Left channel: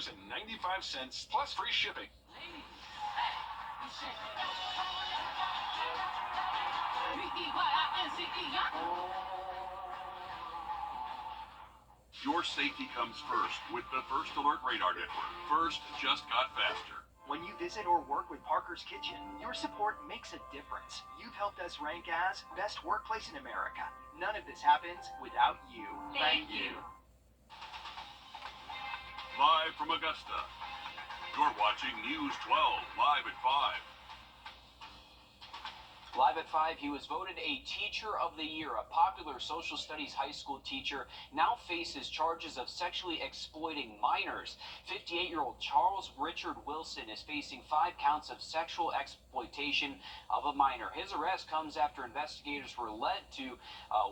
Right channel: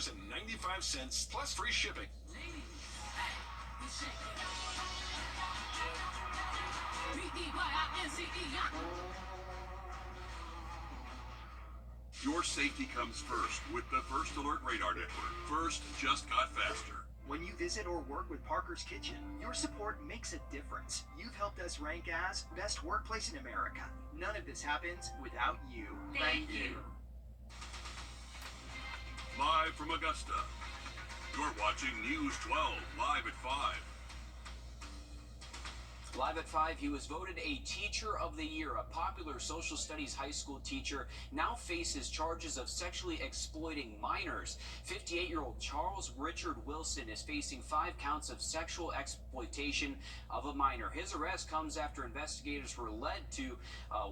$9.95 plus free shipping. Your safety comes first with the First Alert Radar Network. First just got faster. When you visit or work with Parker's Kitchen, your support makes a difference. You've helped us rank as best workplace in America. None of this happens without you. Thank you. Live from Augusta, you're watching News 12 live at 5. Live at 5, he was voted a Teacher of the Year. A popular social studies high school teacher now faces charges of sexually exploiting minors. 58-year-old Charles Richard Wilson is facing 5 counts of sexual exploitation of a minor. His arrest comes after investigators were led to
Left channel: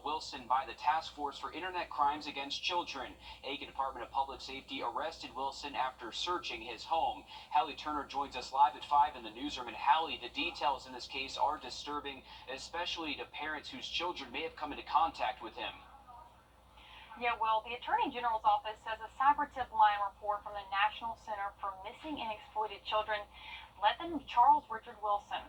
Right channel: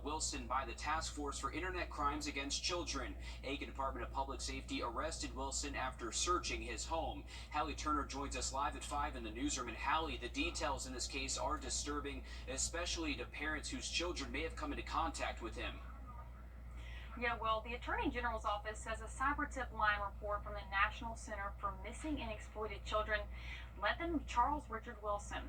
Wilson by the Task Force for Internet Crimes Against Children. Aiken Department of Public Safety arrested Wilson after searching his home. Hallie Turner joins us live at 5 in the newsroom. And Hallie, the details in this case are disturbing, especially to parents whose children may have come into contact with him. Yeah, well, the Attorney General's office says a cyber tip line report from the National Center for Missing and Exploited Children led them to Charles Richard Wilson.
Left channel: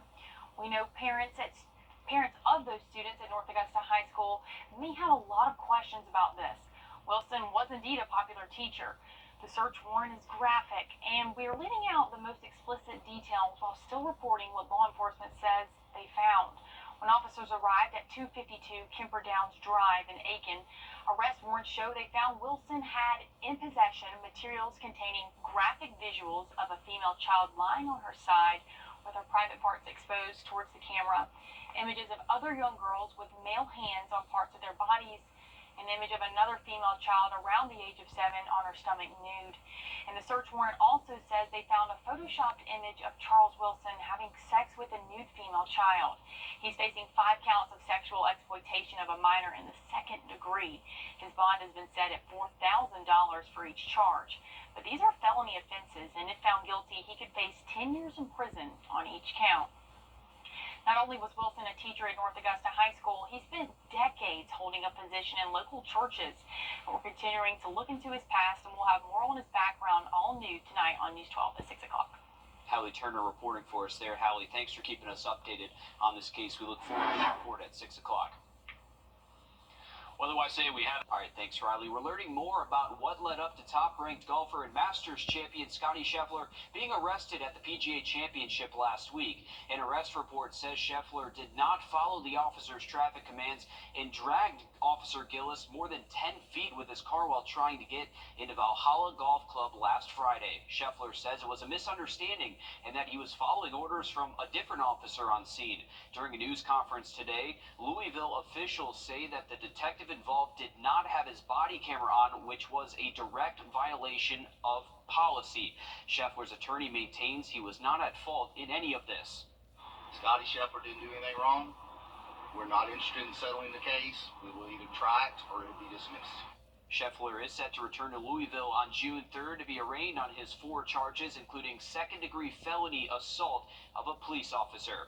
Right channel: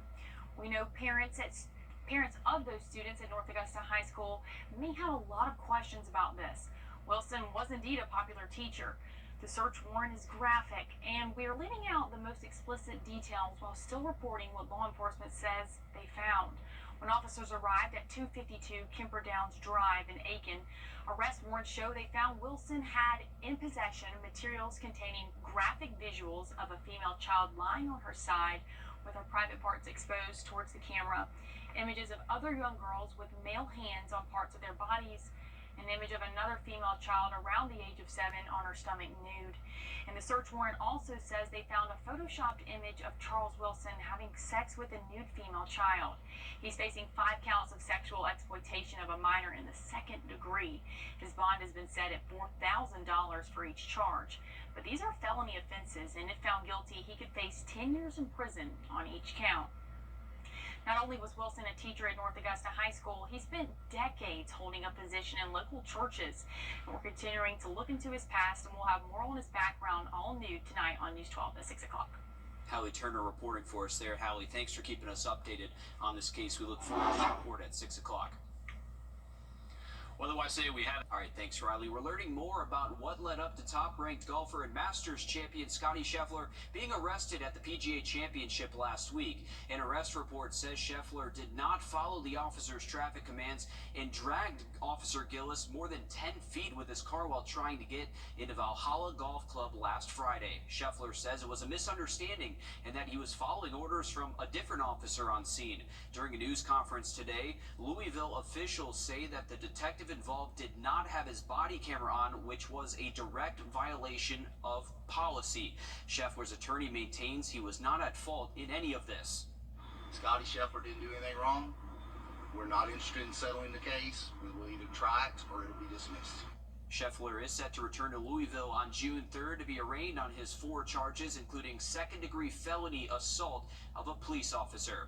We know parents of those students at North Augusta High School may have a lot of questions about this. Wilson was indeed a popular teacher. The search warrant is graphic, and we are leaving out the most explicit details while still reporting what law enforcement says they found. When officers arrived at 252 Kemper Downs Drive in Aiken, arrest warrants show they found Wilson had in possession materials containing graphic visuals of a female child lying on her side with her private parts exposed towards the camera, images of other young girls with male hands on parts of their bodies, an image of another female child around the age of 7 on her stomach nude. And the search warrant also says they found a photoshopped image of Charles Wilson having sex with a nude female child. He's facing 5 counts of sexual exploitation of a minor in the 2nd degree. His bond has been set at $4,000 for each charge. But these are felony offenses, and if found guilty, he could face 10 years in prison on each count. Not only was Wilson a teacher at North Augusta High School, he spent decades holding a position in local churches. And we're continuing to look into his past, and we'll have more on his background all new tonight on News 12 at 6 o'clock. Hallie Turner reporting for us there. Hallie, thanks for keeping us updated on this case. We look forward to the report at 6 o'clock. What do I say we have? All right, thanks, Riley. We're learning more about what led up to top-ranked golfer and Masters champion Scottie Scheffler being arrested at the PGA Championship last week. An arrest report says Scheffler did not follow the officer's traffic commands and dragged Officer Gillis more than 10 feet with his car while trying to get into Valhalla Golf Club last Friday. Scheffler says it was a misunderstanding and that he was following orders from a different officer on scene. During a news conference today, Louisville officials say that the detective involved did not have his body camera on, which was a direct violation of policy. Scheffler's attorney maintains he was not at fault in any of this. Scottie Scheffler didn't do anything wrong. We're not interested in settling the case. We will either try it or it'll be dismissed. Scheffler is set to return to Louisville on June 3rd to be arraigned on his 4 charges, including second-degree felony assault of a police officer.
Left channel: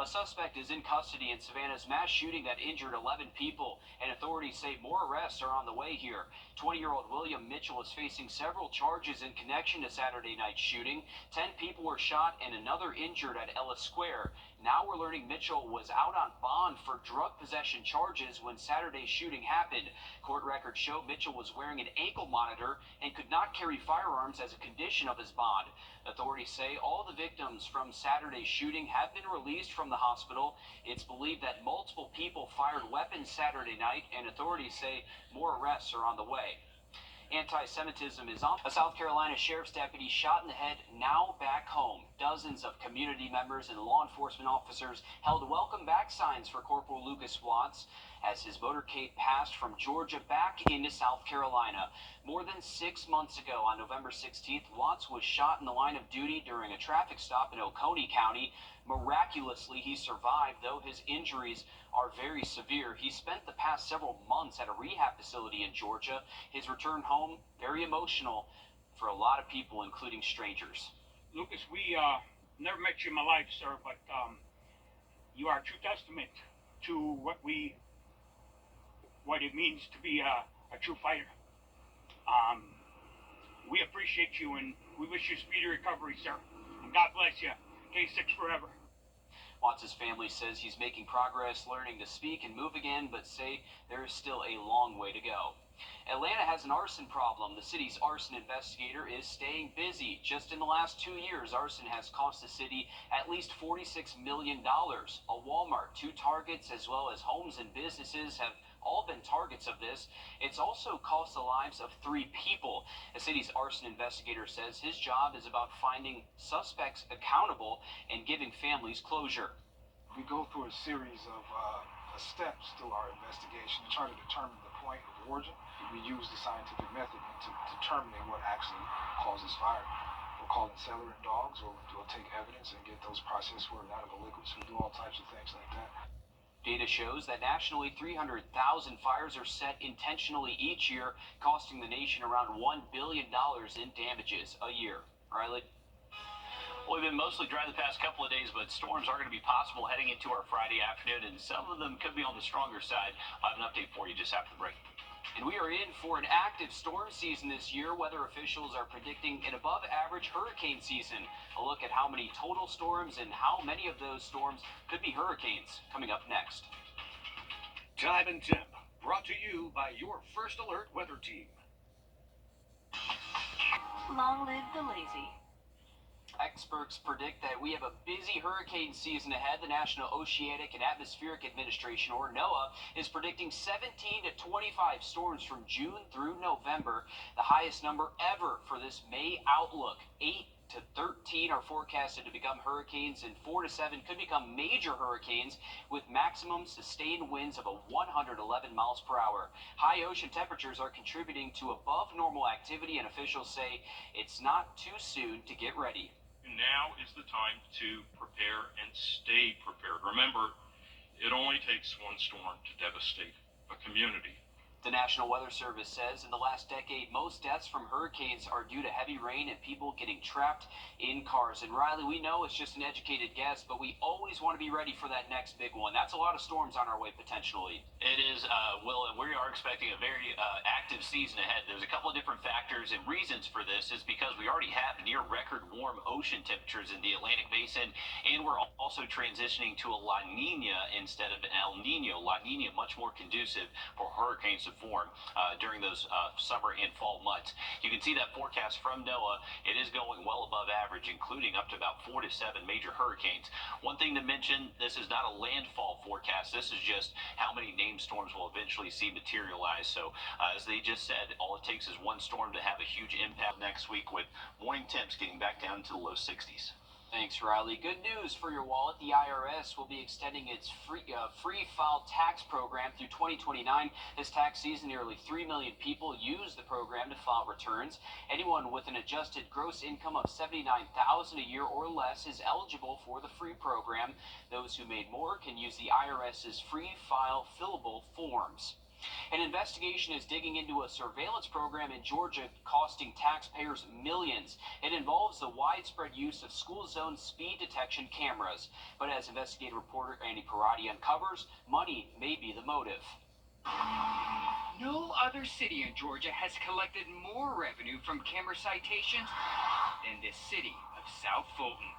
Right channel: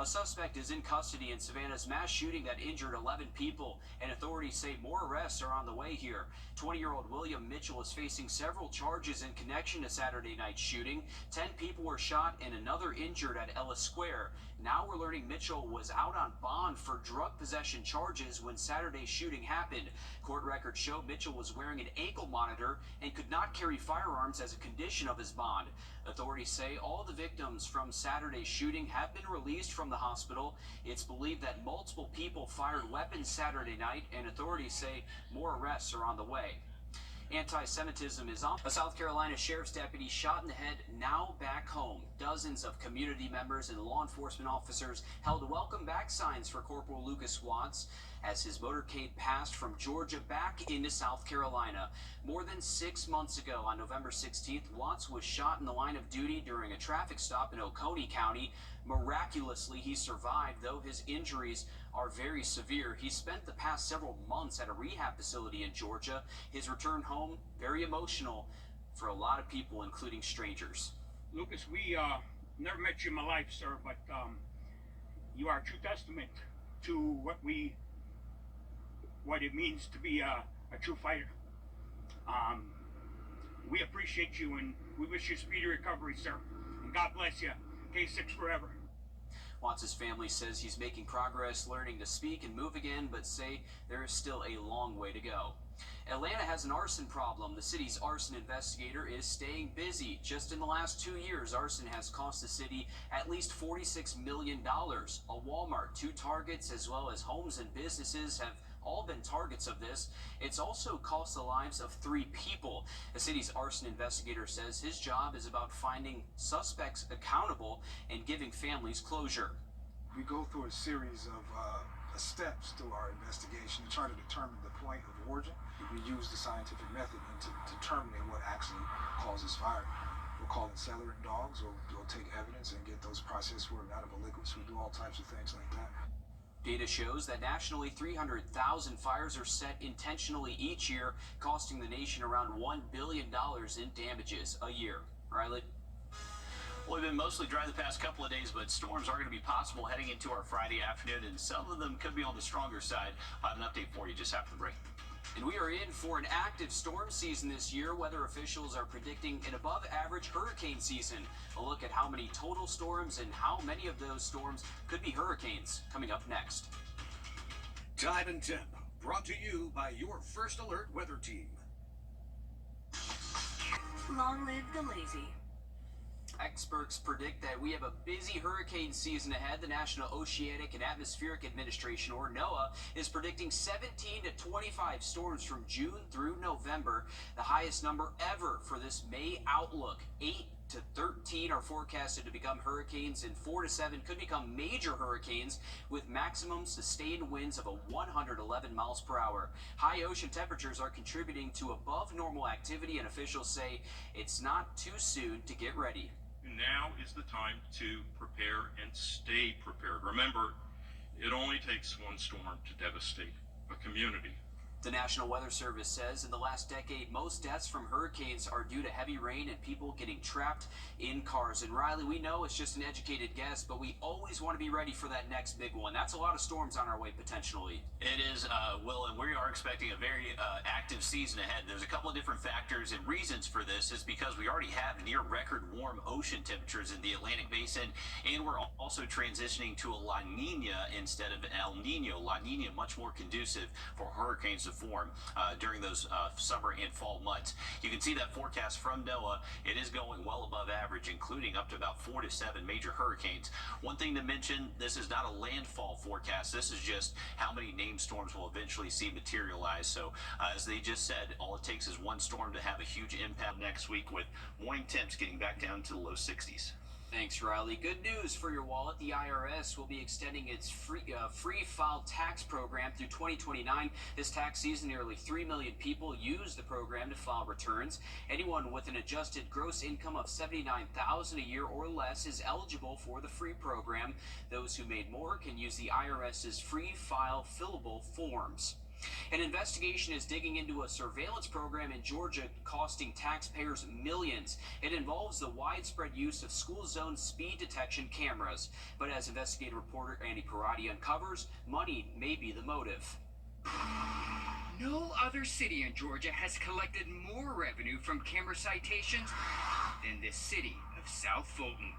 A suspect is in custody in Savannah's mass shooting that injured 11 people, and authorities say more arrests are on the way here. 20-year-old William Mitchell is facing several charges in connection to Saturday night's shooting. 10 people were shot and another injured at Ellis Square. Now we're learning Mitchell was out on bond for drug possession charges when Saturday's shooting happened. Court records show Mitchell was wearing an ankle monitor and could not carry firearms as a condition of his bond. Authorities say all the victims from Saturday's shooting have been released from the hospital. It's believed that multiple people fired weapons Saturday night, and authorities say more arrests are on the way. Anti-Semitism is on. A South Carolina sheriff's deputy shot in the head, now back home. Dozens of community members and law enforcement officers held welcome back signs for Corporal Lucas Watts as his motorcade passed from Georgia back into South Carolina. More than 6 months ago, on November 16th, Watts was shot in the line of duty during a traffic stop in Oconee County. Miraculously, he survived, though his injuries are very severe. He spent the past several months at a rehab facility in Georgia. His return home, very emotional for a lot of people, including strangers. Lucas, we never met you in my life, sir, but you are a true testament to what it means to be a true fighter. We appreciate you and we wish you speedy recovery, sir. And God bless you. K6 forever. Watts' family says he's making progress learning to speak and move again, but say there is still a long way to go. Atlanta has an arson problem. The city's arson investigator is staying busy. Just in the last 2 years, arson has cost the city at least $46 million. A Walmart, 2 Targets, as well as homes and businesses have all been targets of this. It's also cost the lives of 3 people. The city's arson investigator says his job is about finding suspects accountable and giving families closure. We go through a series of steps through our investigation to try to determine the point of origin. We use the scientific method into determining what actually causes fire. We'll call in cellular dogs, or we'll take evidence and get those processed for inedible liquids. We do all types of things like that. Data shows that nationally 300,000 fires are set intentionally each year, costing the nation around $1 billion in damages a year. Riley? Well, we've been mostly dry the past couple of days, but storms are going to be possible heading into our Friday afternoon, and some of them could be on the stronger side. I'll have an update for you just after the break. And we are in for an active storm season this year. Weather officials are predicting an above-average hurricane season. A look at how many total storms and how many of those storms could be hurricanes coming up next. Time and Temp, brought to you by your First Alert weather team. Long live the lazy. Experts predict that we have a busy hurricane season ahead. The National Oceanic and Atmospheric Administration, or NOAA, is predicting 17 to 25 storms from June through November, the highest number ever for this May outlook. 8 to 13 are forecasted to become hurricanes, and 4 to 7 could become major hurricanes with maximum sustained winds of 111 miles per hour. High ocean temperatures are contributing to above normal activity, and officials say it's not too soon to get ready. Now is the time to prepare and stay prepared. Remember, it only takes one storm to devastate a community. The National Weather Service says in the last decade, most deaths from hurricanes are due to heavy rain and people getting trapped in cars. And Riley, we know it's just an educated guess, but we always want to be ready for that next big one. That's a lot of storms on our way potentially. It is, Will, and we are expecting a very active season ahead. There's a couple of different factors and reasons for this is because we already have near record warm ocean temperatures in the Atlantic Basin, and we're also transitioning to a La Nina instead of El Nino. La Nina much more conducive for hurricanes to form during those summer and fall months. You can see that forecast from NOAA. It is going well above average, including up to about 4 to 7 major hurricanes. One thing to mention, this is not a landfall forecast. This is just how many named storms will eventually see materialize. So as they just said, all it takes is one storm to have a huge impact next week, with morning temps getting back down to the low 60s. Thanks, Riley. Good news for your wallet. The IRS will be extending its free file tax program through 2029. This tax season, nearly 3 million people use the program to file returns. Anyone with an adjusted gross income of $79,000 a year or less is eligible for the free program. Those who made more can use the IRS's free file fillable forms. An investigation is digging into a surveillance program in Georgia costing taxpayers millions. It involves the widespread use of school zone speed detection cameras. But as investigative reporter Andy Parati uncovers, money may be the motive. No other city in Georgia has collected more revenue from camera citations than the city of South Fulton.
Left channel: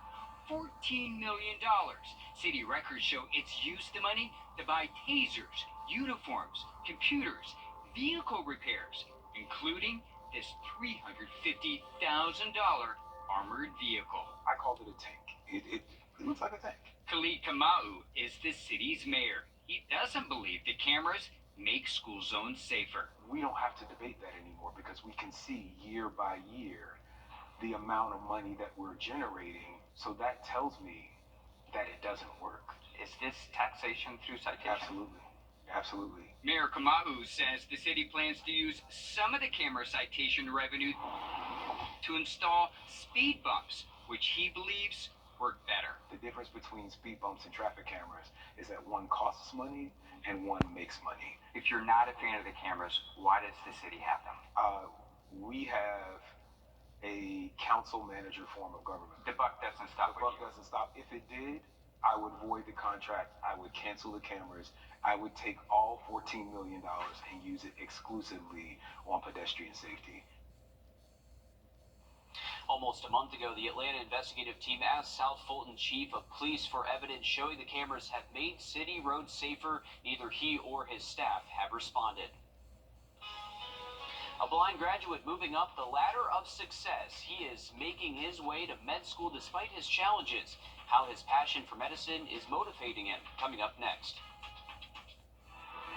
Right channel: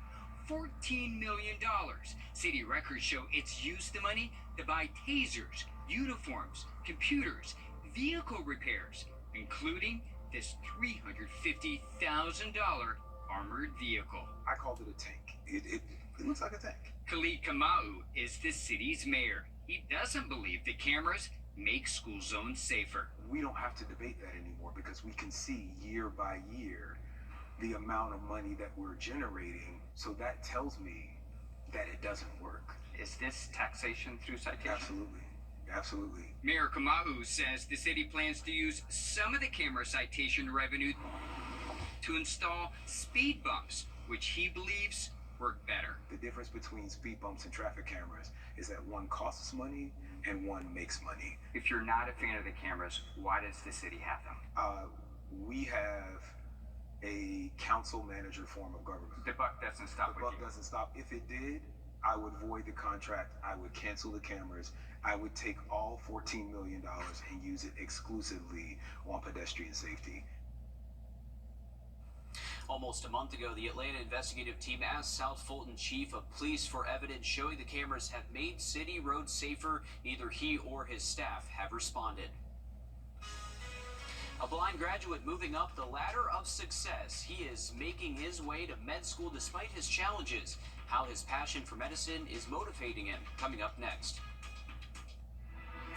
$14 million. City records show it's used the money to buy tasers, uniforms, computers, vehicle repairs, including this $350,000 armored vehicle. I called it a tank. It looks like a tank. Khalid Kamau is the city's mayor. He doesn't believe the cameras make school zones safer. We don't have to debate that anymore because we can see year by year the amount of money that we're generating. So that tells me that it doesn't work. Is this taxation through citation? Absolutely. Absolutely. Mayor Kamau says the city plans to use some of the camera citation revenue to install speed bumps, which he believes work better. The difference between speed bumps and traffic cameras is that one costs money and one makes money. If you're not a fan of the cameras, why does the city have them? We have a council manager form of government. The buck doesn't stop with you. The buck doesn't stop. If it did, I would void the contract. I would cancel the cameras. I would take all $14 million and use it exclusively on pedestrian safety. Almost a month ago, the Atlanta investigative team asked South Fulton Chief of Police for evidence showing the cameras have made city roads safer. Neither he or his staff have responded. A blind graduate moving up the ladder of success. He is making his way to med school despite his challenges. How his passion for medicine is motivating him. Coming up next.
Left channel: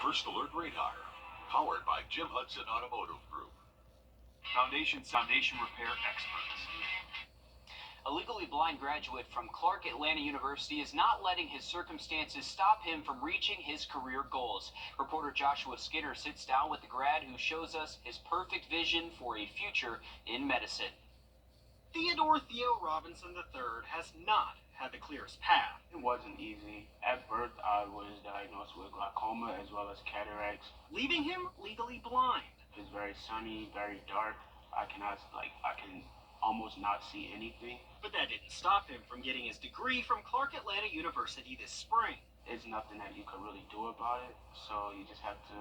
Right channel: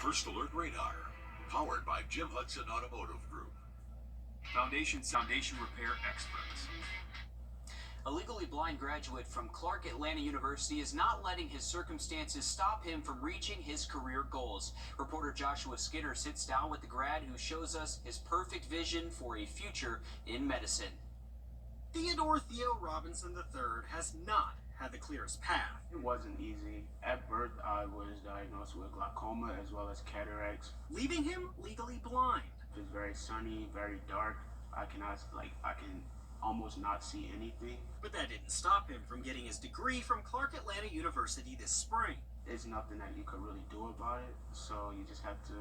First Alert Radar, powered by Jim Hudson Automotive Group. Foundation repair experts. A legally blind graduate from Clark Atlanta University is not letting his circumstances stop him from reaching his career goals. Reporter Joshua Skinner sits down with the grad who shows us his perfect vision for a future in medicine. Theodore Theo Robinson III has not had the clearest path. It wasn't easy. At birth, I was diagnosed with glaucoma as well as cataracts. Leaving him legally blind. It's very sunny, very dark. I can almost not see anything. But that didn't stop him from getting his degree from Clark Atlanta University this spring. It's nothing that you could really do about it, so you just have to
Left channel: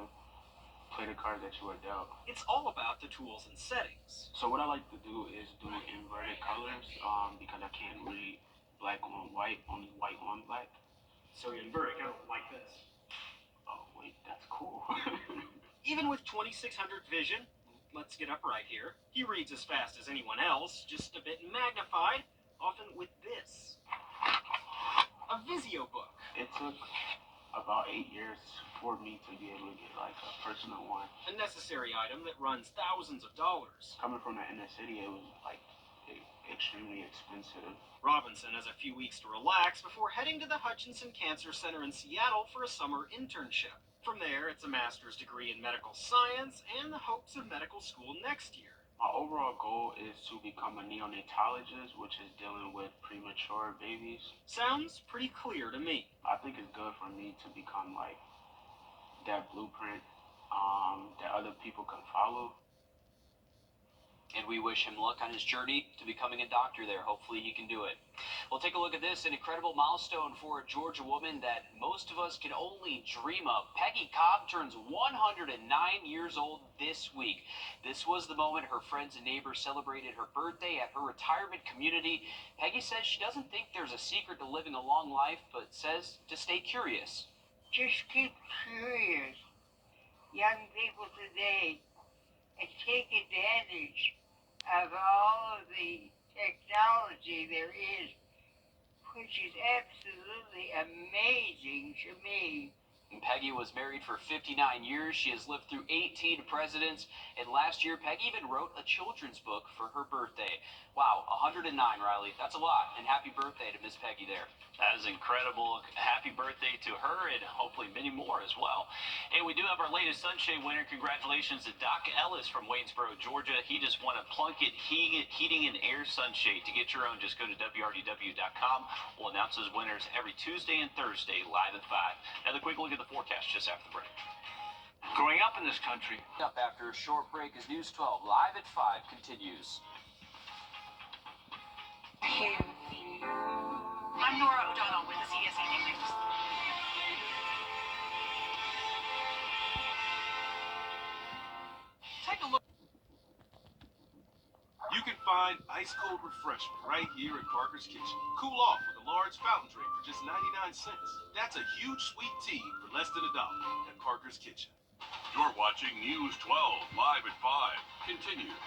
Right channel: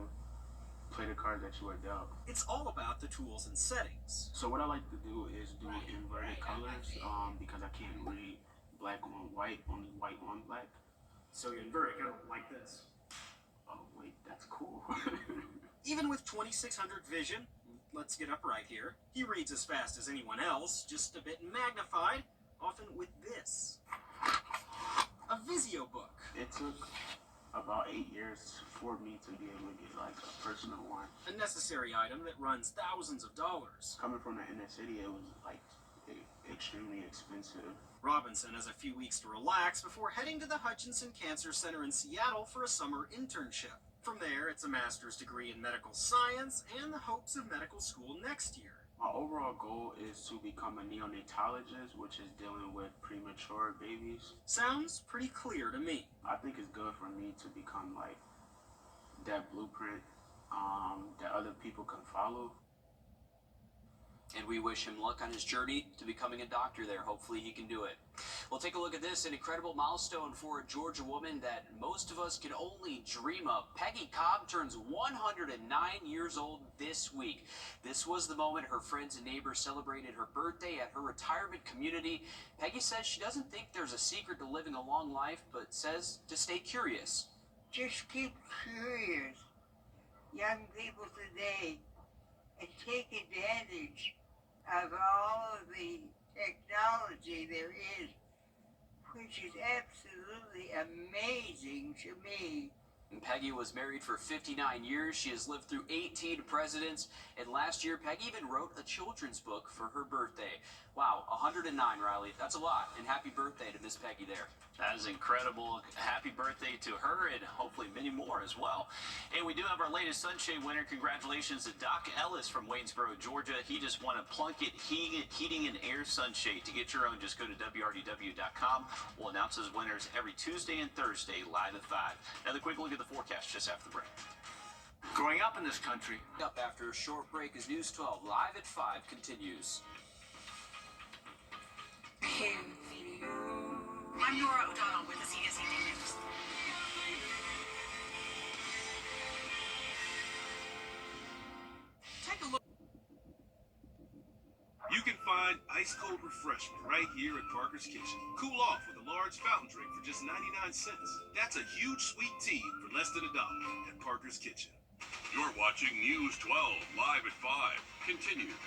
play the card that you are dealt. It's all about the tools and settings. So what I like to do is do inverted colors because I can't read black on white, only white on black. So you invert it, kind of like this. Oh wait, that's cool. Even with 2600 vision, let's get upright here, he reads as fast as anyone else, just a bit magnified, often with this. A Visio book. It took about 8 years for me to be able to get like a personal one. A necessary item that runs thousands of dollars. Coming from the inner city, it was like extremely expensive. Robinson has a few weeks to relax before heading to the Hutchinson Cancer Center in Seattle for a summer internship. From there, it's a master's degree in medical science and the hopes of medical school next year. My overall goal is to become a neonatologist, which is dealing with premature babies. Sounds pretty clear to me. I think it's good for me to become like that blueprint that other people can follow. And we wish him luck on his journey to becoming a doctor there. Hopefully he can do it. We'll take a look at this, an incredible milestone for a Georgia woman that most of us can only dream of. Peggy Cobb turns 109 years old this week. This was the moment her friends and neighbors celebrated her birthday at her retirement community. Peggy says she doesn't think there's a secret to living a long life, but says to stay curious. Just keep curious, young people today, and take advantage of all of the technology there is, which is absolutely amazing to me. And Peggy was married for 59 years. She has lived through 18 presidents. And last year, Peggy even wrote a children's book for her birthday. Wow, 109, Riley. That's a lot. And happy birthday to Miss Peggy there. That is incredible. Happy birthday to her and hopefully many more as well. And we do have our latest Sunshade winner. Congratulations to Doc Ellis from Waynesboro, Georgia. He just won a Plunkett Heating and Air Sunshade. To get your own, just go to WRDW.com. We'll announce those winners every Tuesday and Thursday live at 5. Another quick look at the forecast just after the break. Growing up in this country. Up after a short break as News 12 live at 5 continues. I'm Nora O'Donnell with the CSED News. Take a look. You can find ice-cold refreshment right here at Parker's Kitchen. Cool off with a large fountain drink for just 99 cents. That's a huge sweet tea for less than $1 at Parker's Kitchen. You're watching News 12 live at 5 continues.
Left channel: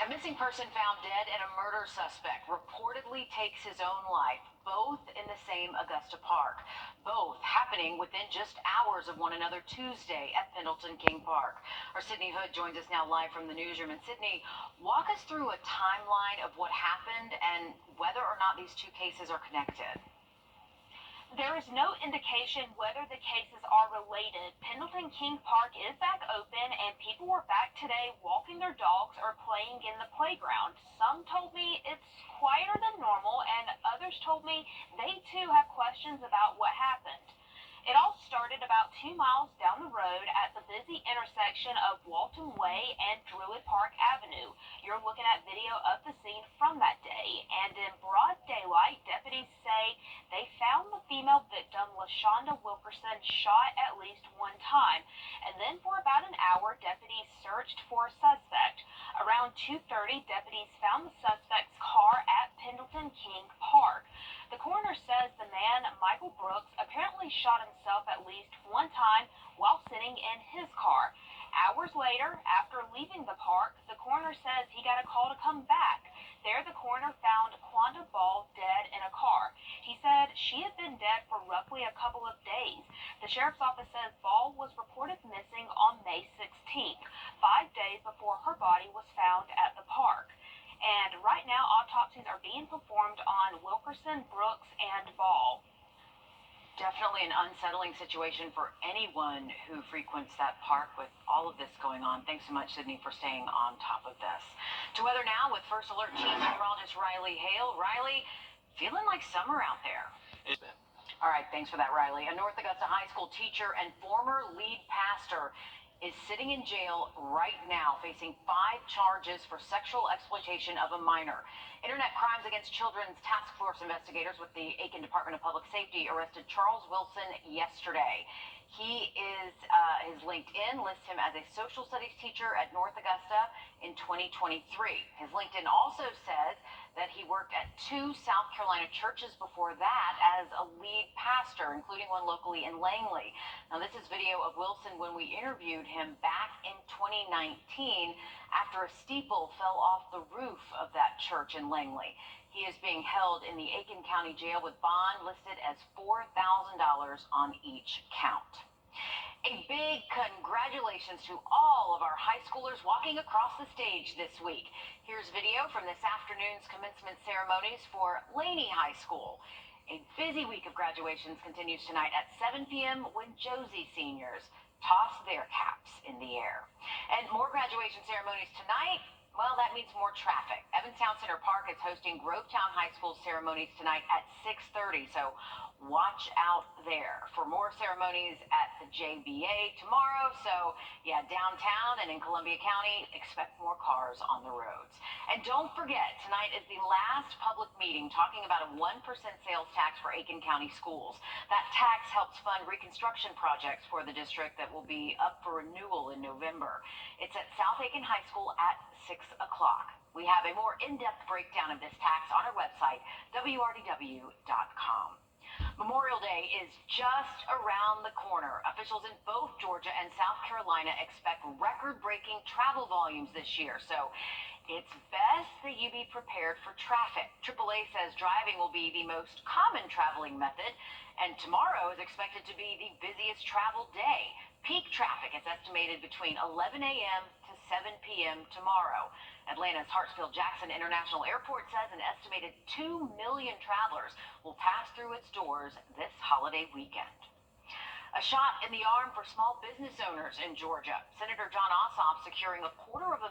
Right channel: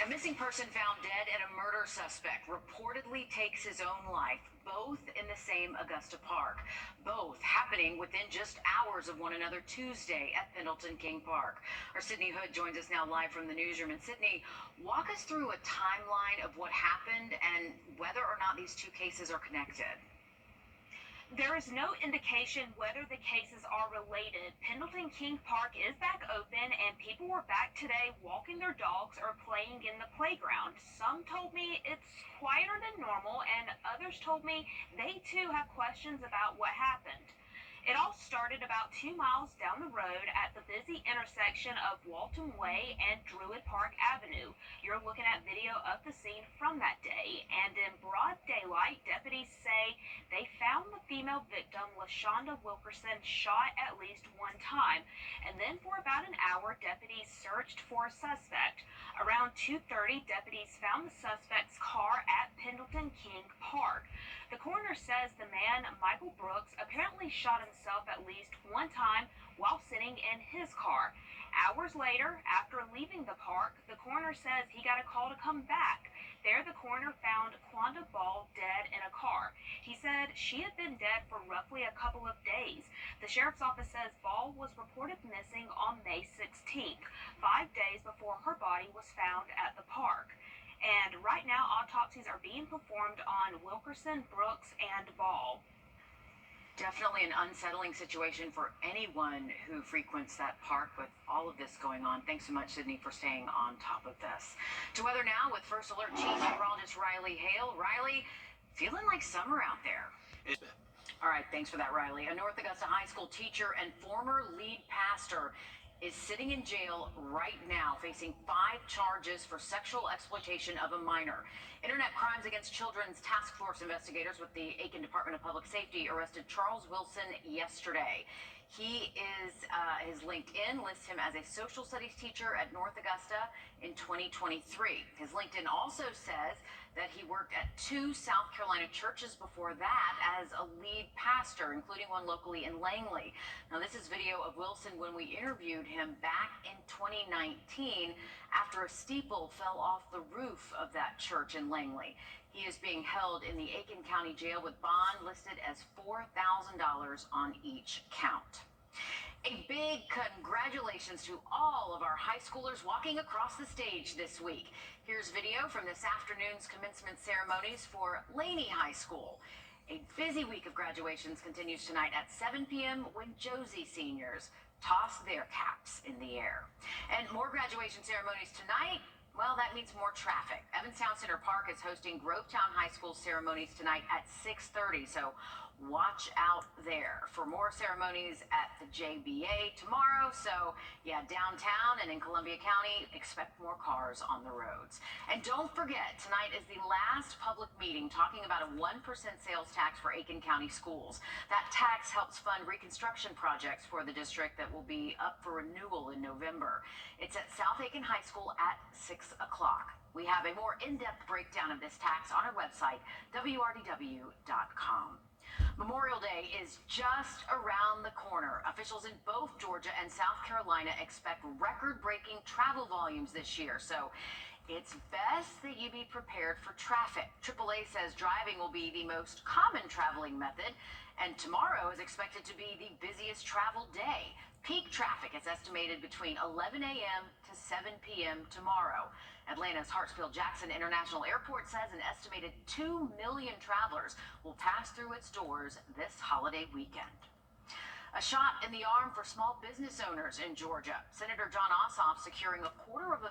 A missing person found dead and a murder suspect reportedly takes his own life, both in the same Augusta Park. Both happening within just hours of one another Tuesday at Pendleton King Park. Our Sydney Hood joins us now live from the newsroom. And Sydney, walk us through a timeline of what happened and whether or not these two cases are connected. There is no indication whether the cases are related. Pendleton King Park is back open and people were back today walking their dogs or playing in the playground. Some told me it's quieter than normal and others told me they too have questions about what happened. It all started about 2 miles down the road at the busy intersection of Walton Way and Druid Park Avenue. You're looking at video of the scene from that day, and in broad daylight, deputies say they found the female victim, LaShonda Wilkerson, shot at least one time. And then for about an hour, deputies searched for a suspect. Around 2:30, deputies found the suspect's car at Pendleton King Park. The coroner says the man, Michael Brooks, apparently shot himself at least one time while sitting in his car. Hours later, after leaving the park, the coroner says he got a call to come back. There, the coroner found Quanda Ball dead in a car. He said she had been dead for roughly a couple of days. The sheriff's office says Ball was reported missing on May 16th, 5 days before her body was found at the park. And right now, autopsies are being performed on Wilkerson, Brooks, and Ball. Definitely an unsettling situation for anyone who frequents that park with all of this going on. Thanks so much, Sydney, for staying on top of this. To weather now with First Alert Chief Meteorologist Riley Hale. Riley, feeling like summer out there. All right, thanks for that, Riley. A North Augusta High School teacher and former lead pastor is sitting in jail right now, facing 5 charges for sexual exploitation of a minor. Internet Crimes Against Children's Task Force investigators with the Aiken Department of Public Safety arrested Charles Wilson yesterday. He is, his LinkedIn lists him as a social studies teacher at North Augusta in 2023. His LinkedIn also says that he worked at 2 South Carolina churches before that as a lead pastor, including one locally in Langley. Now, this is video of Wilson when we interviewed him back in 2019 after a steeple fell off the roof of that church in Langley. He is being held in the Aiken County Jail with bond listed as $4,000 on each count. A big congratulations to all of our high schoolers walking across the stage this week. Here's video from this afternoon's commencement ceremonies for Laney High School. A busy week of graduations continues tonight at 7 p.m. when Josie seniors toss their caps in the air. And more graduation ceremonies tonight. Well, that means more traffic. Evanstown Center Park is hosting Grovetown High School ceremonies tonight at 6:30, so watch out there. For more ceremonies at the JBA tomorrow, so yeah, downtown and in Columbia County, expect more cars on the roads. And don't forget, tonight is the last public meeting talking about a 1% sales tax for Aiken County schools. That tax helps fund reconstruction projects for the district that will be up for renewal in November. It's at South Aiken High School at 6 o'clock. We have a more in-depth breakdown of this tax on our website, wrdw.com. Memorial Day is just around the corner. Officials in both Georgia and South Carolina expect record-breaking travel volumes this year, so it's best that you be prepared for traffic. AAA says driving will be the most common traveling method, and tomorrow is expected to be the busiest travel day. Peak traffic is estimated between 11 a.m. to 7 p.m. tomorrow. Atlanta's Hartsfield-Jackson International Airport says an estimated 2 million travelers will pass through its doors this holiday weekend. A shot in the arm for small business owners in Georgia. Senator John Ossoff securing $250,000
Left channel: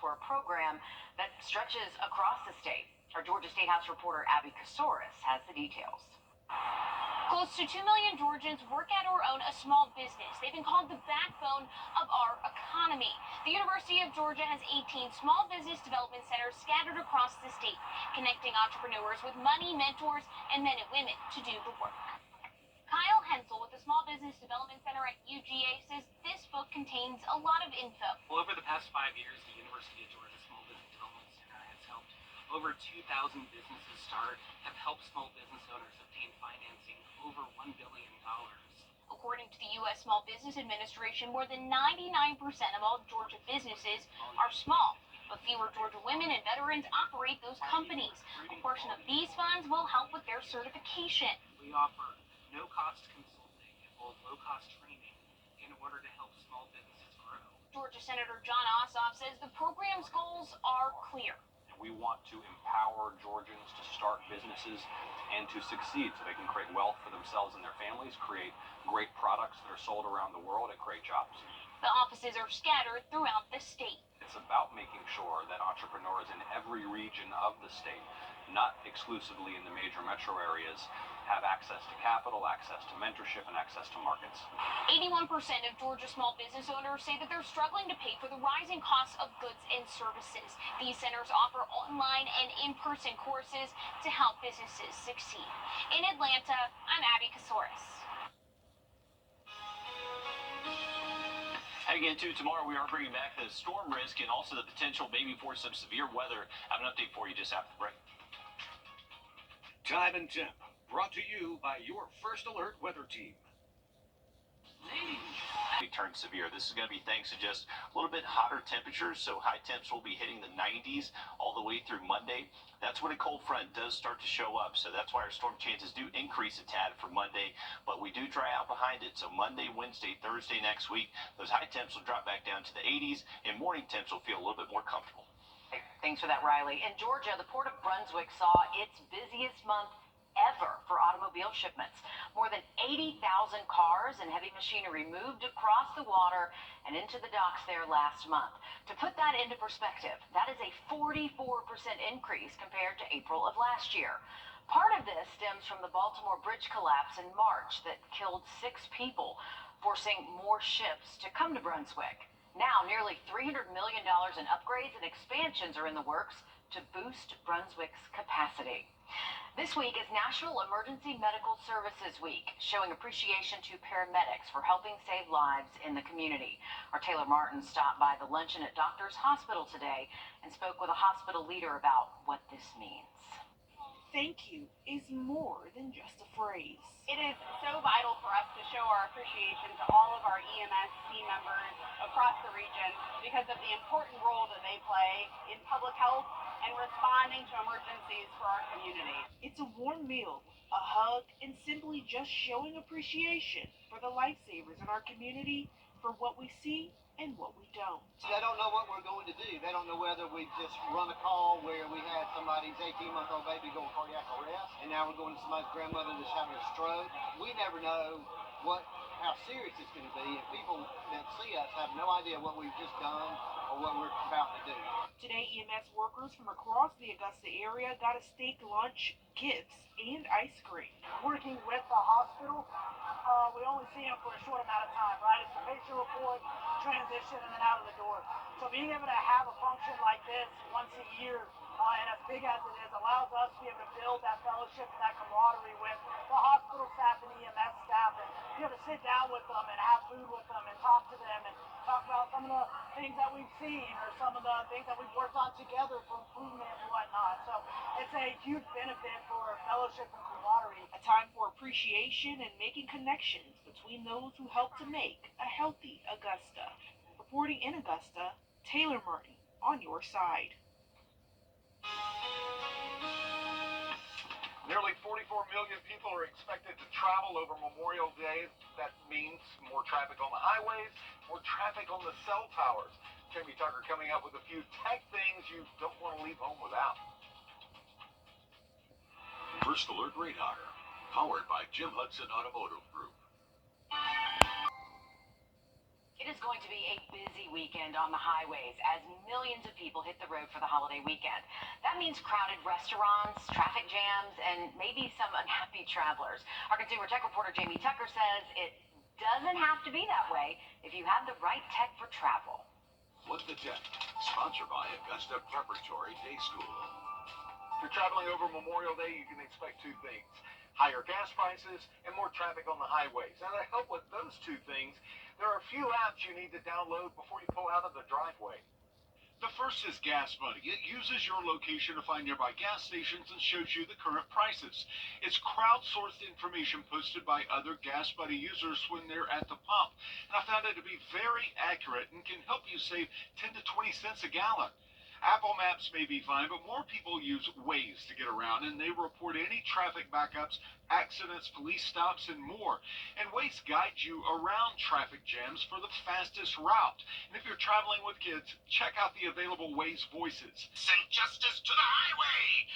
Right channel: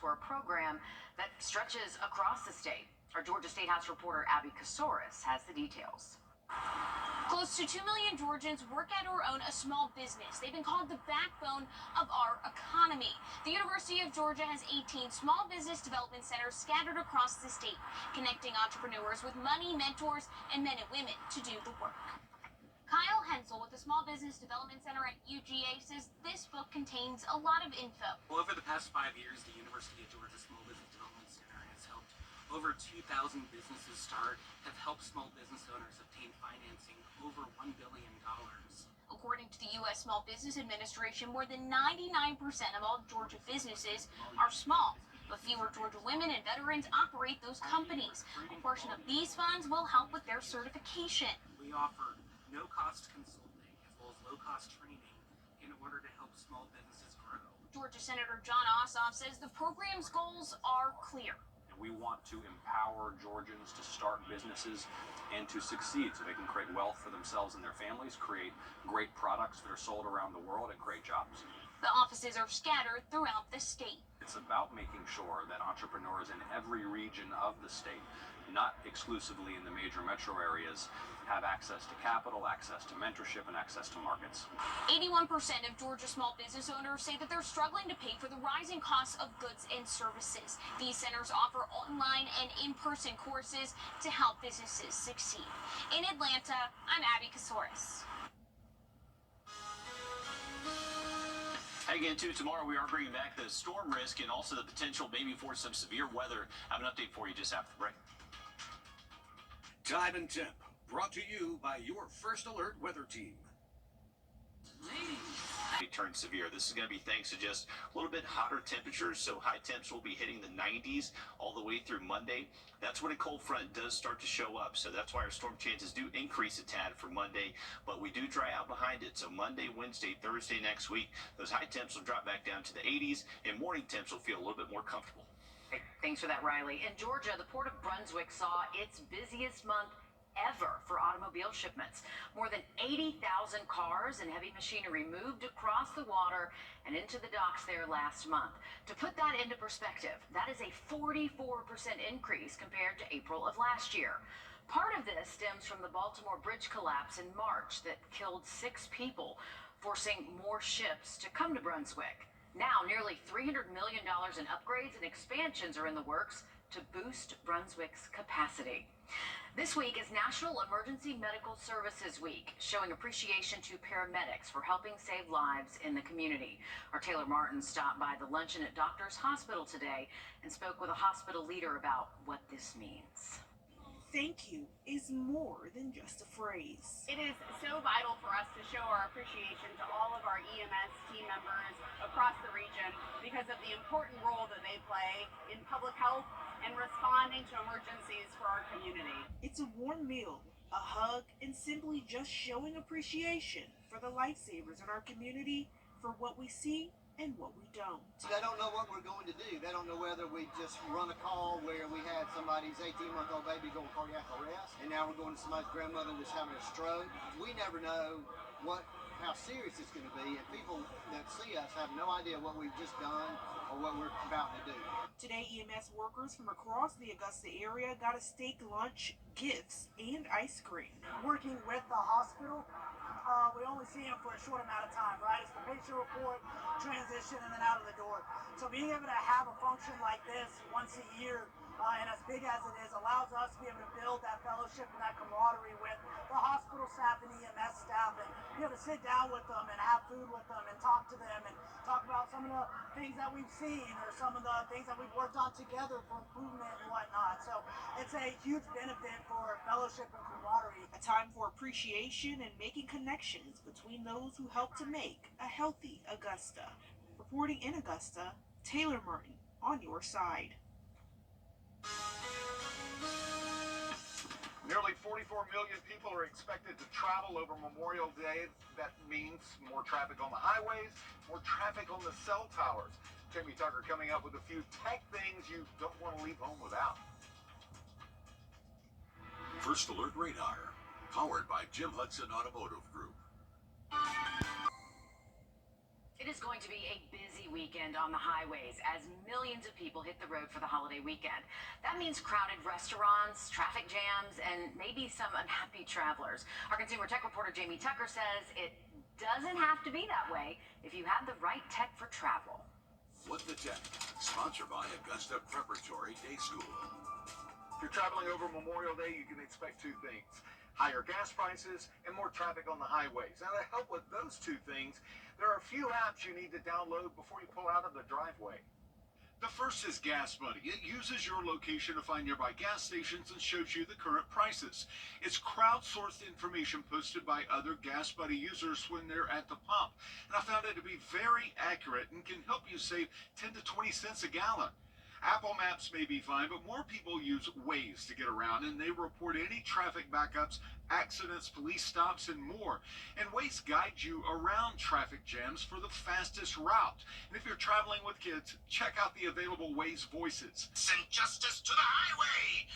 for a program that stretches across the state. Our Georgia State House reporter Abby Kasoris has the details. Close to 2 million Georgians work at or own a small business. They've been called the backbone of our economy. The University of Georgia has 18 small business development centers scattered across the state, connecting entrepreneurs with money, mentors, and men and women to do the work. Kyle Hensel with the Small Business Development Center at UGA says this book contains a lot of info. Well, over the past 5 years, the University of Georgia Small Business Development Center has helped over 2,000 businesses start, have helped small business owners obtain financing over $1 billion. According to the U.S. Small Business Administration, more than 99% of all Georgia businesses are small, but fewer Georgia women and veterans operate those companies. A portion of these funds will help with their certification. We offer no-cost consulting as well as low-cost training in order to help small businesses grow. Georgia Senator John Ossoff says the program's goals are clear. We want to empower Georgians to start businesses and to succeed so they can create wealth for themselves and their families, create great products that are sold around the world, and create jobs. The offices are scattered throughout the state. It's about making sure that entrepreneurs in every region of the state, not exclusively in the major metro areas, have access to capital, access to mentorship, and access to markets. 81% of Georgia small business owners say that they're struggling to pay for the rising costs of goods and services. These centers offer online and in-person courses to help businesses succeed. In Atlanta, I'm Abby Kasoris. Again, too, tomorrow we are bringing back the storm risk and also the potential maybe for some severe weather. I have an update for you just after the break. Time and temp, brought to you by your First Alert weather team. Turn severe. This is going to be thanks to just a little bit hotter temperatures, so high temps will be hitting the 90s all the way through Monday. That's when a cold front does start to show up, so that's why our storm chances do increase a tad for Monday, but we do dry out behind it. So Monday, Wednesday, Thursday next week, those high temps will drop back down to the 80s, and morning temps will feel a little bit more comfortable. Thanks for that, Riley. In Georgia, the Port of Brunswick saw its busiest month ever for automobile shipments. More than 80,000 cars and heavy machinery moved across the water and into the docks there last month. To put that into perspective, that is a 44% increase compared to April of last year. Part of this stems from the Baltimore bridge collapse in March that killed 6 people, forcing more ships to come to Brunswick. Now, nearly $300 million in upgrades and expansions are in the works to boost Brunswick's capacity. This week is National Emergency Medical Services Week, showing appreciation to paramedics for helping save lives in the community. Our Taylor Martin stopped by the luncheon at Doctors Hospital today and spoke with a hospital leader about what this means. Thank you is more than just a phrase. It is so vital for us to show our appreciation to all of our EMS team members across the region because of the important role that they play in public health and responding to emergencies for our community. It's a warm meal, a hug, and simply just showing appreciation for the lifesavers in our community for what we see and what we don't. They don't know what we're going to do. They don't know whether we just run a call where we had somebody's 18-month-old baby go cardiac arrest, and now we're going to somebody's grandmother that's having a stroke. We never know how serious it's going to be, and people that see us have no idea what we've just done or what we're about to do. Today, EMS workers from across the Augusta area got a steak lunch, gifts, and ice cream. Working with the hospital, we only see them for a short amount of time, right? It's the patient report, transition, and then out of the door. So being able to have a function like this once a year, and as big as it is, allows us to be able to build that fellowship and that camaraderie with the hospital staff and EMS staff, and be able to sit down with them and have food with them and talk to them and talk about some of the things that we've seen or some of the things that we've worked on together for improvement and whatnot. So it's a huge benefit for fellowship and camaraderie. A time for appreciation and making connections between those who help to make a healthy Augusta. Reporting in Augusta, Taylor Martin on your side. Nearly 44 million people are expected to travel over Memorial Day. That means more traffic on the highways, more traffic on the cell towers. Jamie Tucker coming up with a few tech things you don't want to leave home without. First Alert Radar, powered by Jim Hudson Automotive Group. It is going to be a busy weekend on the highways as millions of people hit the road for the holiday weekend. That means crowded restaurants, traffic jams, and maybe some unhappy travelers. Our consumer tech reporter Jamie Tucker says it doesn't have to be that way if you have the right tech for travel. Flip the Tech, sponsored by Augusta Preparatory Day School. If you're traveling over Memorial Day, you can expect two things: higher gas prices and more traffic on the highways. Now, to help with those two things, there are a few apps you need to download before you pull out of the driveway. The first is Gas Buddy. It uses your location to find nearby gas stations and shows you the current prices. It's crowdsourced information posted by other Gas Buddy users when they're at the pump. And I found it to be very accurate and can help you save 10 to 20 cents a gallon. Apple Maps may be fine, but more people use Waze to get around, and they report any traffic backups, accidents, police stops, and more. And Waze guides you around traffic jams for the fastest route. And if you're traveling with kids, check out the available Waze voices. Send justice to the highway!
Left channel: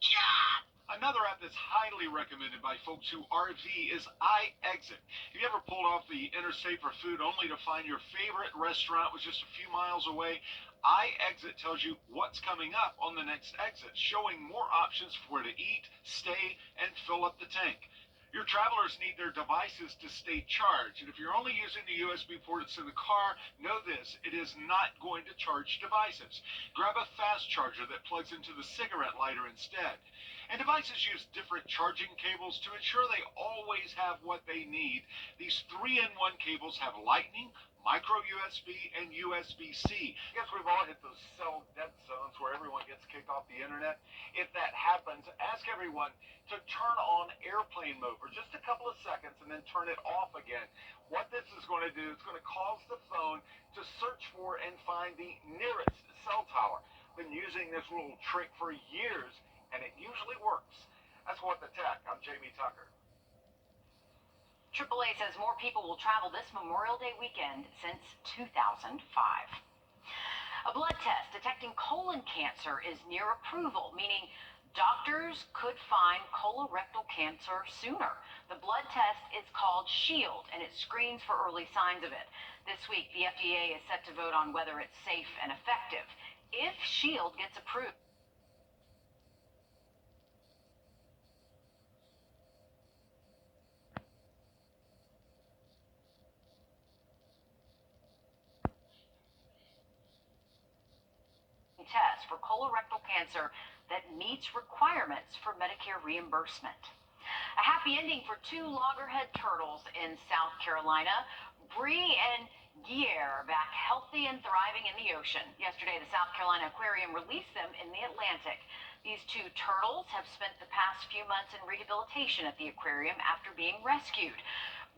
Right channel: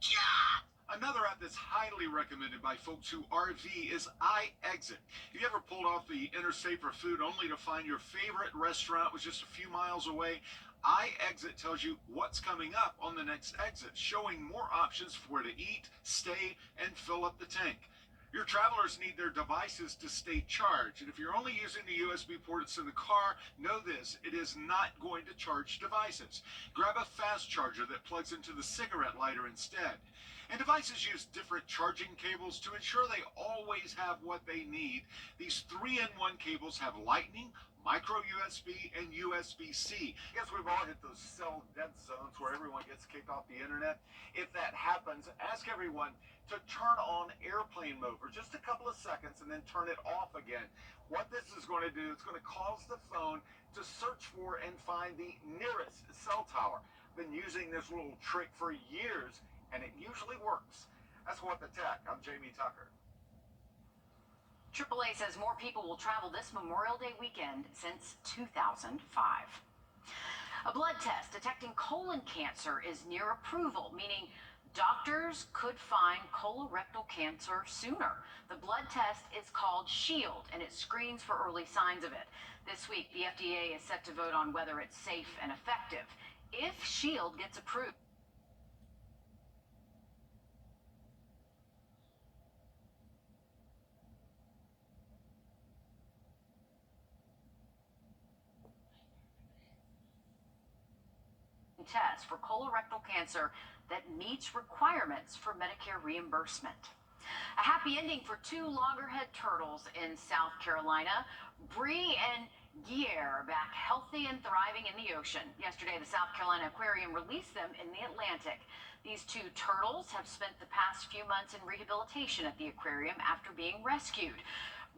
Yeah! Another app that's highly recommended by folks who RV is iExit. Have you ever pulled off the interstate for food only to find your favorite restaurant was just a few miles away? iExit tells you what's coming up on the next exit, showing more options for where to eat, stay, and fill up the tank. Your travelers need their devices to stay charged, and if you're only using the USB port that's in the car, know this: it is not going to charge devices. Grab a fast charger that plugs into the cigarette lighter instead. And devices use different charging cables to ensure they always have what they need. These 3-in-1 cables have lightning, micro USB, and USB-C. I guess we've all hit those cell dead zones where everyone gets kicked off the internet. If that happens, ask everyone to turn on airplane mode for just a couple of seconds and then turn it off again. What this is going to do, it's going to cause the phone to search for and find the nearest cell tower. Been using this little trick for years, and it usually works. That's What the Tech. I'm Jamie Tucker. AAA says more people will travel this Memorial Day weekend since 2005. A blood test detecting colon cancer is near approval, meaning doctors could find colorectal cancer sooner. The blood test is called SHIELD, and it screens for early signs of it. This week, the FDA is set to vote on whether it's safe and effective. If SHIELD gets approved, test for colorectal cancer that meets requirements for Medicare reimbursement. A happy ending for two loggerhead turtles in South Carolina. Bree and Guier are back healthy and thriving in the ocean. Yesterday, the South Carolina Aquarium released them in the Atlantic. These two turtles have spent the past few months in rehabilitation at the aquarium after being rescued.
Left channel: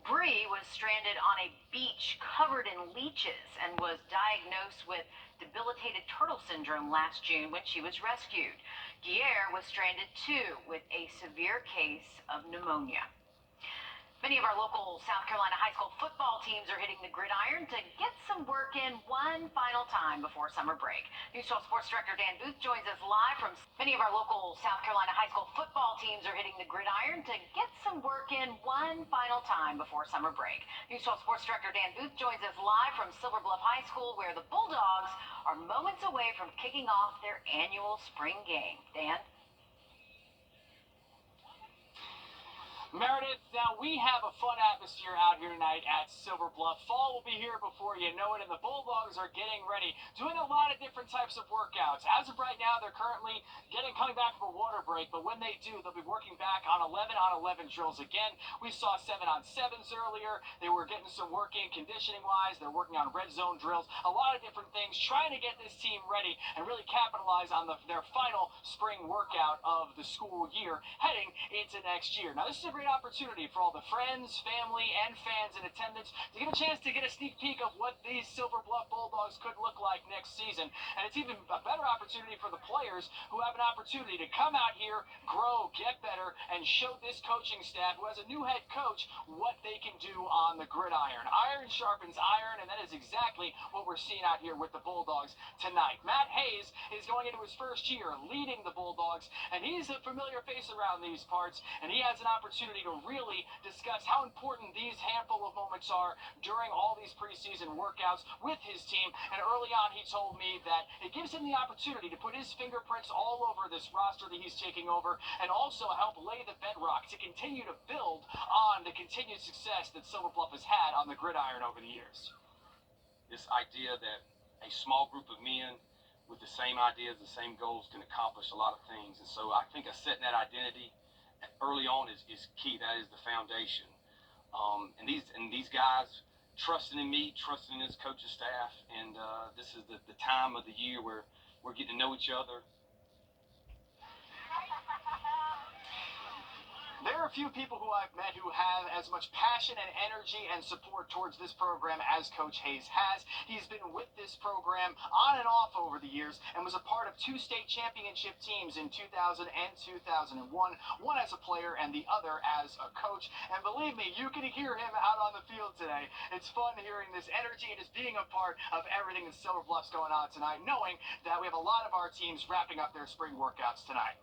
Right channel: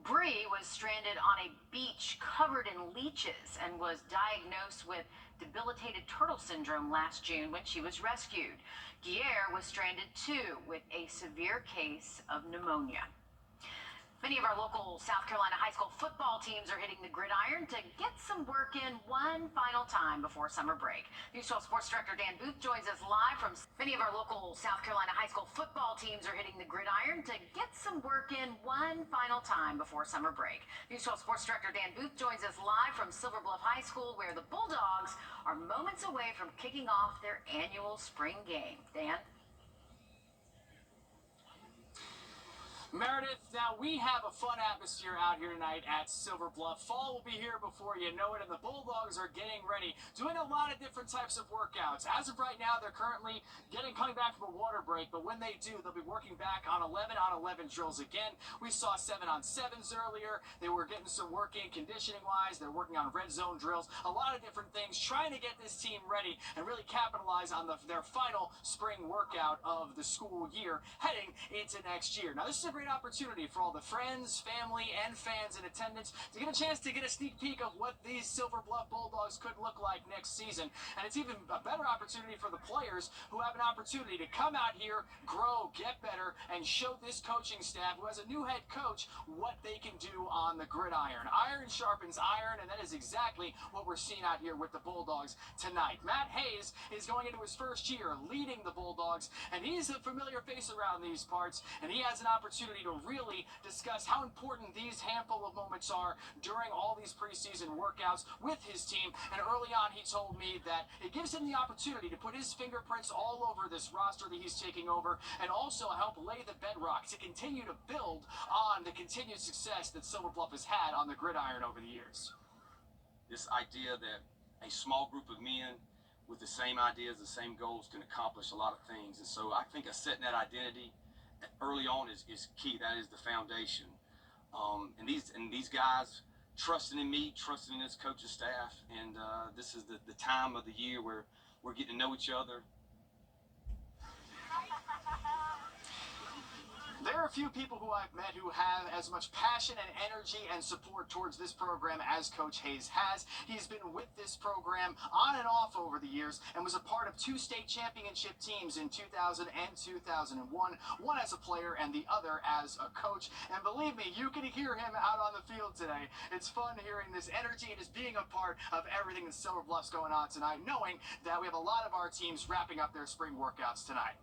Bree was stranded on a beach covered in leeches and was diagnosed with debilitated turtle syndrome last June when she was rescued. Guier was stranded too with a severe case of pneumonia. Many of our local South Carolina high school football teams are hitting the gridiron to get some work in one final time before summer break. News 12 Sports Director Dan Booth joins us live from many of our local South Carolina high school football teams are hitting the gridiron to get some work in one final time before summer break. News 12 Sports Director Dan Booth joins us live from Silver Bluff High School, where the Bulldogs are moments away from kicking off their annual spring game. Dan? Meredith, now we have a fun atmosphere out here tonight at Silver Bluff. Fall will be here before you know it, and the Bulldogs are getting ready, doing a lot of different types of workouts. As of right now, they're currently coming back from a water break, but when they do, they'll be working back on 11-on-11 drills again. We saw 7-on-7s earlier. They were getting some work in conditioning-wise. They're working on red zone drills, a lot of different things, trying to get this team ready and really capitalize on their final spring workout of the school year heading into next year. Now, this is a great opportunity for all the friends, family, and fans in attendance to get a chance to get a sneak peek of what these Silver Bluff Bulldogs could look like next season. And it's even a better opportunity for the players who have an opportunity to come out here, grow, get better, and show this coaching staff, who has a new head coach, what they can do on the gridiron. Iron sharpens iron, and that is exactly what we're seeing out here with the Bulldogs tonight. Matt Hayes is going into his first year leading the Bulldogs, and he's a familiar face around these parts, and he has an opportunity to really discuss how important these handful of moments are during all these preseason workouts with his team. And early on, he told me that it gives him the opportunity to put his fingerprints all over this roster that he's taking over, and also help lay the bedrock to continue to build on the continued success that Silver Bluff has had on the gridiron over the years. This idea that a small group of men with the same ideas, the same goals can accomplish a lot of things. And so I think setting that identity early on is key. That is the foundation. And these guys trusting in me, trusting in this coaching staff, and this is the time of the year where we're getting to know each other. There are a few people who I've met who have as much passion and energy and support towards this program as Coach Hayes has. He's been with this program on and off over the years and was a part of two state championship teams in 2000 and 2001, one as a player and the other as a coach. And believe me, you can hear him out on the field today. It's fun hearing this energy and just being a part of everything that Silver Bluff's going on tonight, knowing that we have a lot of our teams wrapping up their spring workouts tonight.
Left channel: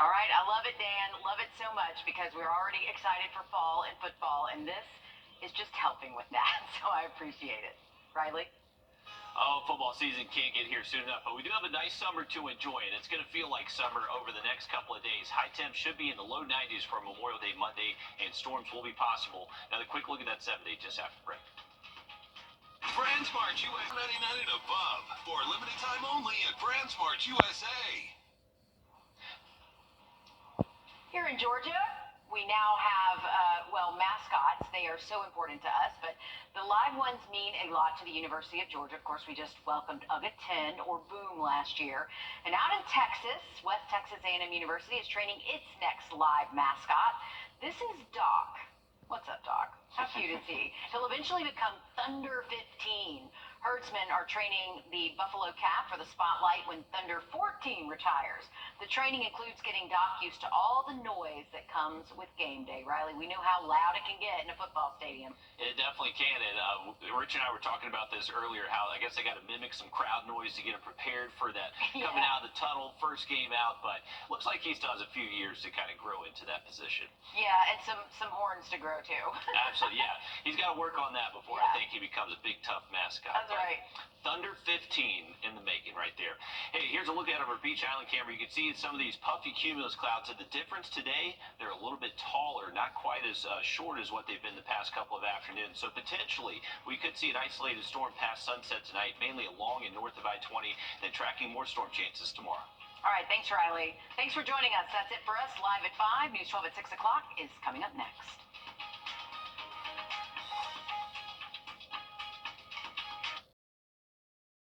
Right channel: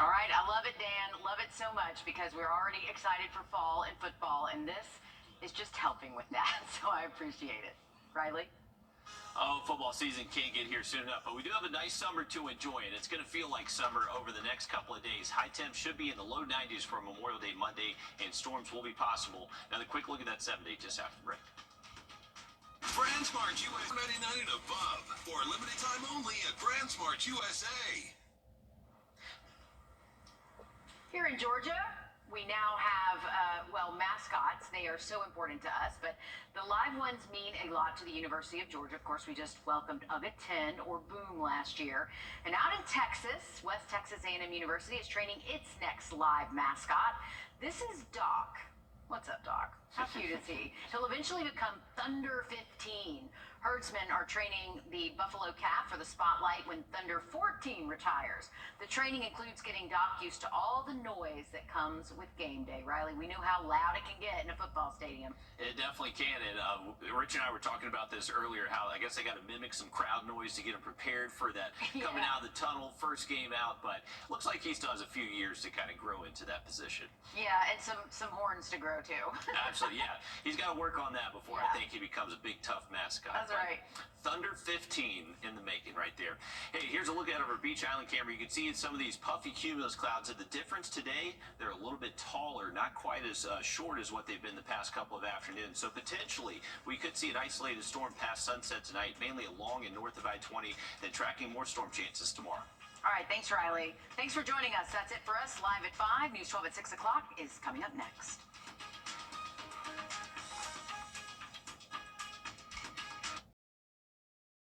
All right, I love it, Dan. Love it so much because we're already excited for fall and football, and this is just helping with that, so I appreciate it. Riley? Oh, football season can't get here soon enough, but we do have a nice summer to enjoy, and it's going to feel like summer over the next couple of days. High temps should be in the low 90s for Memorial Day Monday, and storms will be possible. Now, the quick look at that 7-day just after the break. BrandSmart US 99 and above for a limited time only at BrandSmart USA. Here in Georgia, We now have, mascots. They are so important to us, but the live ones mean a lot to the University of Georgia. Of course, we just welcomed UGA 10, or Boom, last year. And out in Texas, West Texas A&M University is training its next live mascot. This is Doc. What's up, Doc? How cute is he? He'll eventually become Thunder 15. Herdsmen are training the Buffalo Calf for the spotlight when Thunder 14 retires. The training includes getting Doc used to all the noise that comes with game day. Riley, we know how loud it can get in a football stadium. It definitely can. And Rich and I were talking about this earlier, how I guess they got to mimic some crowd noise to get him prepared for that coming out of the tunnel, first game out. But looks like he still has a few years to kind of grow into that position. Yeah, and some horns to grow too. Absolutely, yeah. He's got to work on that before I think he becomes a big, tough mascot. That's right. Thunder 15 in the making right there. Hey, here's a look at our Beach Island camera. You can see some of these puffy cumulus clouds. And the difference today, they're a little bit taller, not quite as short as what they've been the past couple of afternoons. So potentially, we could see an isolated storm past sunset tonight, mainly along and north of I-20, then tracking more storm chances tomorrow. All right, thanks, Riley. Thanks for joining us. That's it for us live at 5. News 12 at 6 o'clock is coming up next.